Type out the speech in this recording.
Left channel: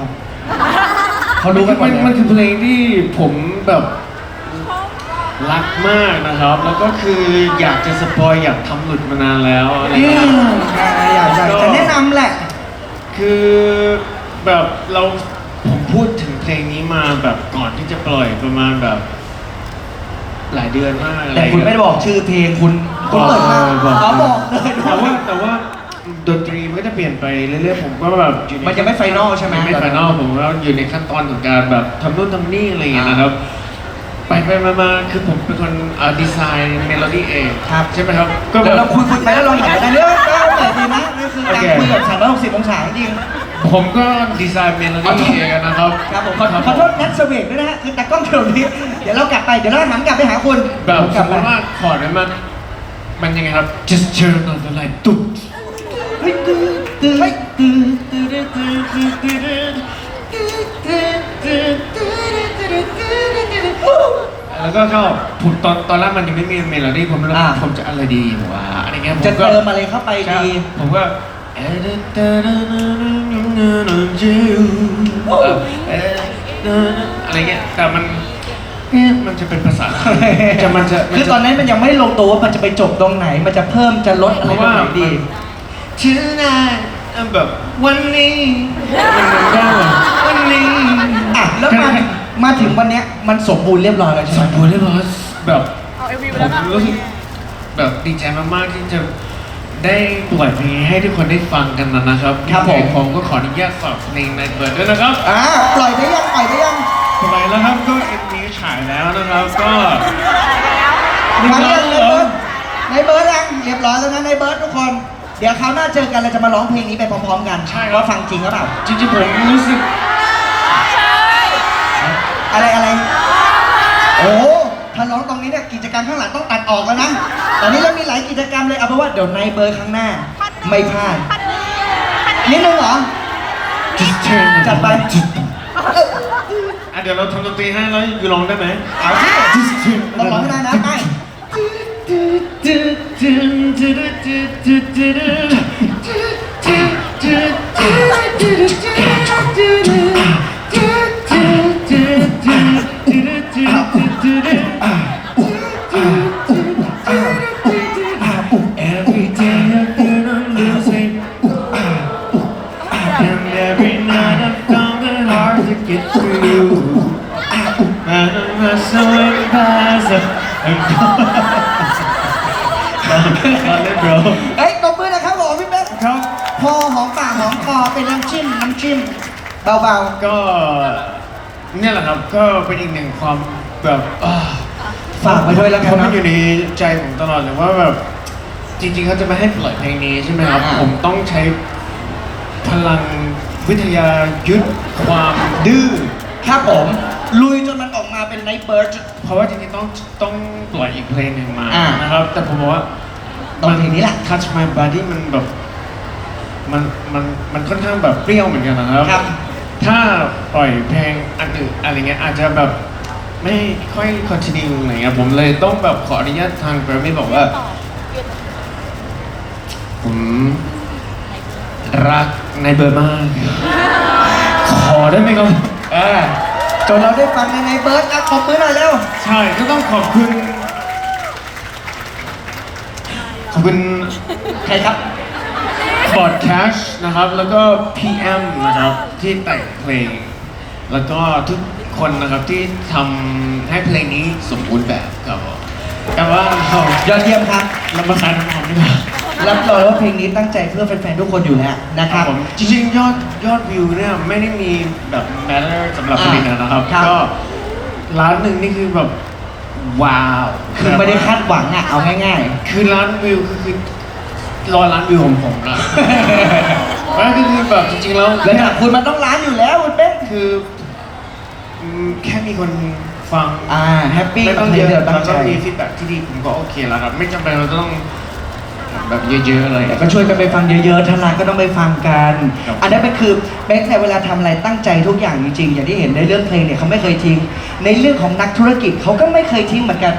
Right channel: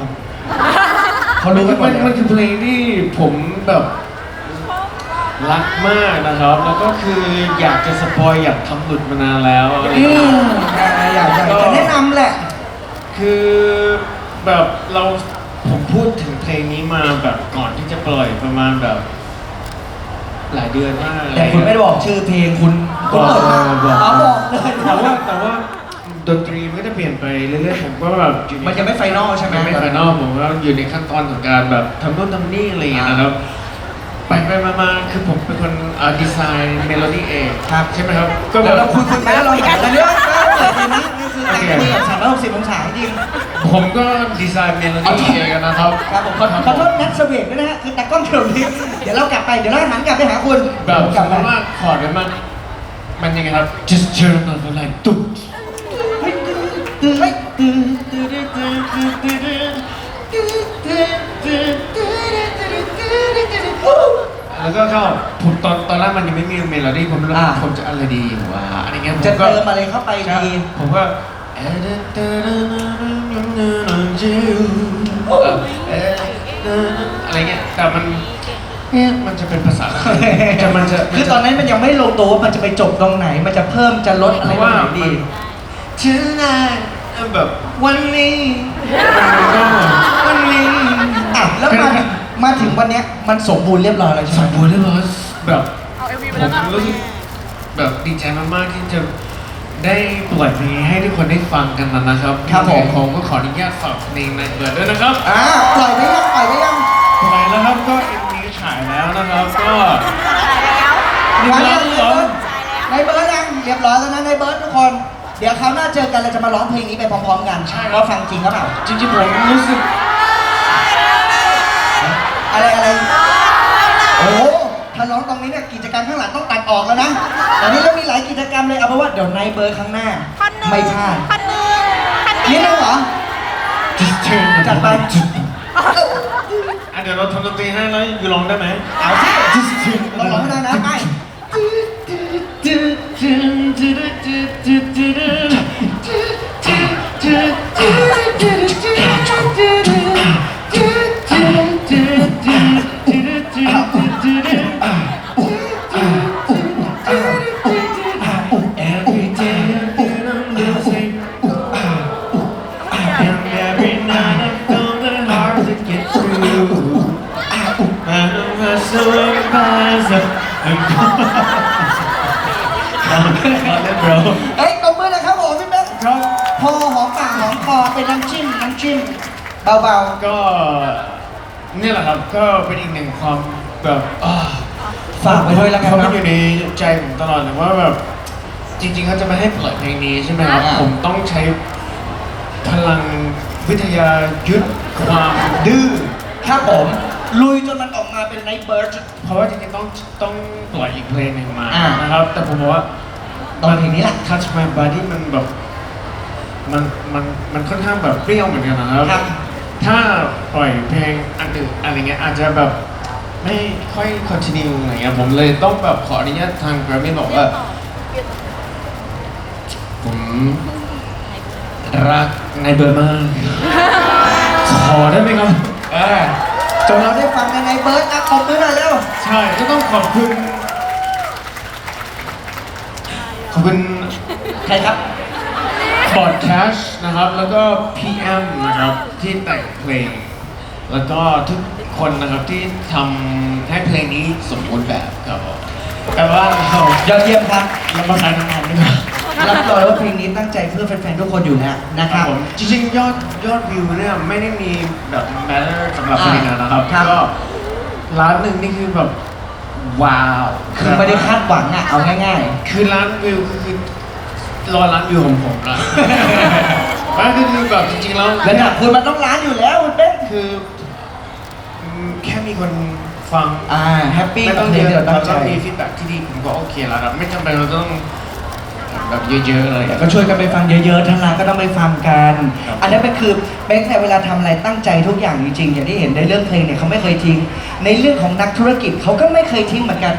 ครับเขารู้กันหมมัดนเลยมันคือเพลงที่ผมแบบรักมากนะครับ แล้วก็คืออยากจะสปอยอยากทำหลุดมานานแล้วนะอืครับมอยากอยากจะแนะนำแหละ คือแบบเราผมพูดถึงเพลงนี้มาแบบก่อนที่จะปล่อยประมาณแบบ หลายเดือนมากแต่คุณไม่ได้บอกชื่อเพลงคุณคุณเปิดมาอ๋อบอกเลยแต่ว่าแต่ว่า ดนตรีมันก็จะเปลี่ยนไปเรื่อยๆผมก็แบบอยู่ในมันยังไม่ไฟนอลใช่ไหมยังไม่ไฟนอลผมก็อยู่ในขั้นตอนของการแบบทำนู่นทำนี่อะไรอย่างเงี้ยนะครับไปไปมามาคือผมเป็นคนดีไซน์เมโลดี้เองครับใช่ไหมครับเดี๋ยวแบเราบคุยคุยไปแล้วลองแบบอันนี้ก็เปิดดีนะนี่คือการคุยแบบสามร้อยหกสิบองศาจริง ผมก็ดีไซน์เมโลดี้เองนะครับครับผมขอขอโทษนัทสเวกด้วยนะฮะคือตากล้องเฉลิมนี้เดี๋ยวเรากลับไปเดี๋ยวเราหันกลับไปหาคุณแบบกลับสมไปมติว่าคอร์ดนั้นมันมันยังไงครับ just turn on the light ตุ๊ด แล้วก็ก็ผมตอนตอนแรกมันยังไม่มีเมโลดี้ผมไม่รู้อ่าผมจะอะไรดีหรือว่าอะไรเงี้ยผมจะก็เติมอะไรเข้าไปใช่ดี ผมก็อะไรเงี้ยแต่มันเอ๊ะมันจะเป็นภาษาจะมันจะคือตอนนั้นมันยังไม่ลงตัวว่ามันจะไปจบตรงไหน มันจะเพิ่มจะลดอะไรตรงไหนดี tonight แบบวันนี้วันนี้อะแล้วมามาถึงวันเนี้ยมันสมบูรณ์เรียบร้อยแล้วใช่สไหมมบูรณ์เรียบร้อยแบบเอาเอ็มวีผไปแล้วนะมรู้สึกแบบดีใจมากๆที่จะได้ปล่อยเพลงให้ทุกคนได้ฟังกันนะครับครับผมผมก็ขออนุญาตฝากเพลงในเปิดด้วยนะครับ อ่าปล่อยได้ยังปล่อยได้ยังปล่อยแล้วครับก็เอ็มวีฉายแล้วนะครับก็นี่มาคเรีรัยบงผมในเบิร์ดยังเรียบร้อยแล้วนะในเบิร์ดทุกคน เดี๋ยวคราวหน้าเจอกันเราจะมาร้องเพลงนี้ไปพร้อมๆกันว่าฟังจริงหรือเปล่าจริงๆผมรู้สึกอะไรอะไรโอ้ถ้าร้องตรงนี้เนี่ยกิจกรรมข้างหลังต้องตัดออกแล้วนะตอนนี้เรามีหลายกิจกรรมเลยเอาเป็นว่าเดี๋ยวในเบอร์ข้างหน้า ไม่พลาดนิดนึงเหรอ just turn จัดไปอะเดี๋ยวเราทำดนตรีให้แล้วยูลองได้ไหมเอาสิ just turn ลองร้องได้นะ None of us are advisor. เฮ้ยตบมือนะครับผมพี่เป๊กครับ พอหอมปากหอมคอเป็นน้ำจิ้มน้ำจิ้มเบาก็เนี่ยแหละครับก็เป็นอีกหนึ่งความแบบอ่าๆฝากไว้ด้วยแล้วกันเขานะมันอยู่ในใจผมตลอดเลยว่าแบบจริงๆเขาจะไม่ให้ปล่อยเพลงนี้ใช่ไหมครับอ่า ผมต้องใช้พลังวิทยายุทธความดื้อ ครับผม ลุยจนมันออกมาเป็นไนท์เบิร์ด เพราะว่าจริงๆต้องต้องปล่อยอีกเพลงหนึ่งมาอ่าน นะครับ แต่ผมบอกว่า ต้องเพลงนี้แหละ Touch My Body มันแบบมันมันมันค่อนข้างแบบเปรี้ยวเหมือนกันนะครับ ครับ ถ้าปล่อยเพลงอันอื่นอะไรเงี้ยอาจจะแบบไม่ค่อยคอนติเนียอะไรเงี้ยผมเลยต้องแบบขออนุญาตทางแกรมมี่บอกว่า ผมรักในเบอร์มากขอได้ไหมครับเออจนเราได้ฟังในไนท์เบิร์ดแล้วขอบมือหน่อยเร็ว ใช่ก็ต้องขอบคุณขอบ คุณใครครับบอดแคชนะครับ แล้วก็ PM นะครับ ที่แต่งเพลง แล้วก็ทุกคนนะครับที่ทำให้เพลงนี้สมบูรณ์แบบครับผมแต่ว่าเรายอดเยี่ยมครับเรามาขายน้ำหอมดีกว่ารับรองว่าเพลงนี้ตั้งใจเพื่อแฟนๆทุกคนอยู่แล้วนะคครัรับบผมจริงๆยอดยอดวิวเนี่ยไม่ได้มีแบบแมทเทอร์สำหรับเพลงนั้นนะครับครับ ก็ล้านหนึ่งนี่คือแบบ ว้าวคือไม่ได้คาดหวังอะเอาง่ายคือล้านวิวคือคือรอล้านวิวของผมอะไม่คือคือแบบจริงๆแล้วๆระดับคุณมันต้องล้านอยู่แล้วคุณเป๊กคืออืมแค่มีคนฟังอ่าแฮปปี้แล้วกับก็เพลเยงอะที่เราแล้ตั้วงใจก็มีฟีดแบ็กที่ดีผมก็โอเคแล้วครับ ไม่จำเป็นเราต้อง แบบเยอะๆเลยก็ช่วยกันไปฟังเยอะๆทางานก็ต้องไปฟังกันครับอันนั้นเป็นคือแม้แต่เวลาทำอะไรตั้งใจทุกอย่างจริงๆอย่างที่เห็นในเรื่องเพลงเนี่ยเขาไม่เคยทิ้ง ในเรื่องของนักธุรกิจเขาก็ไม่เคยทิ้งเหมือนกัน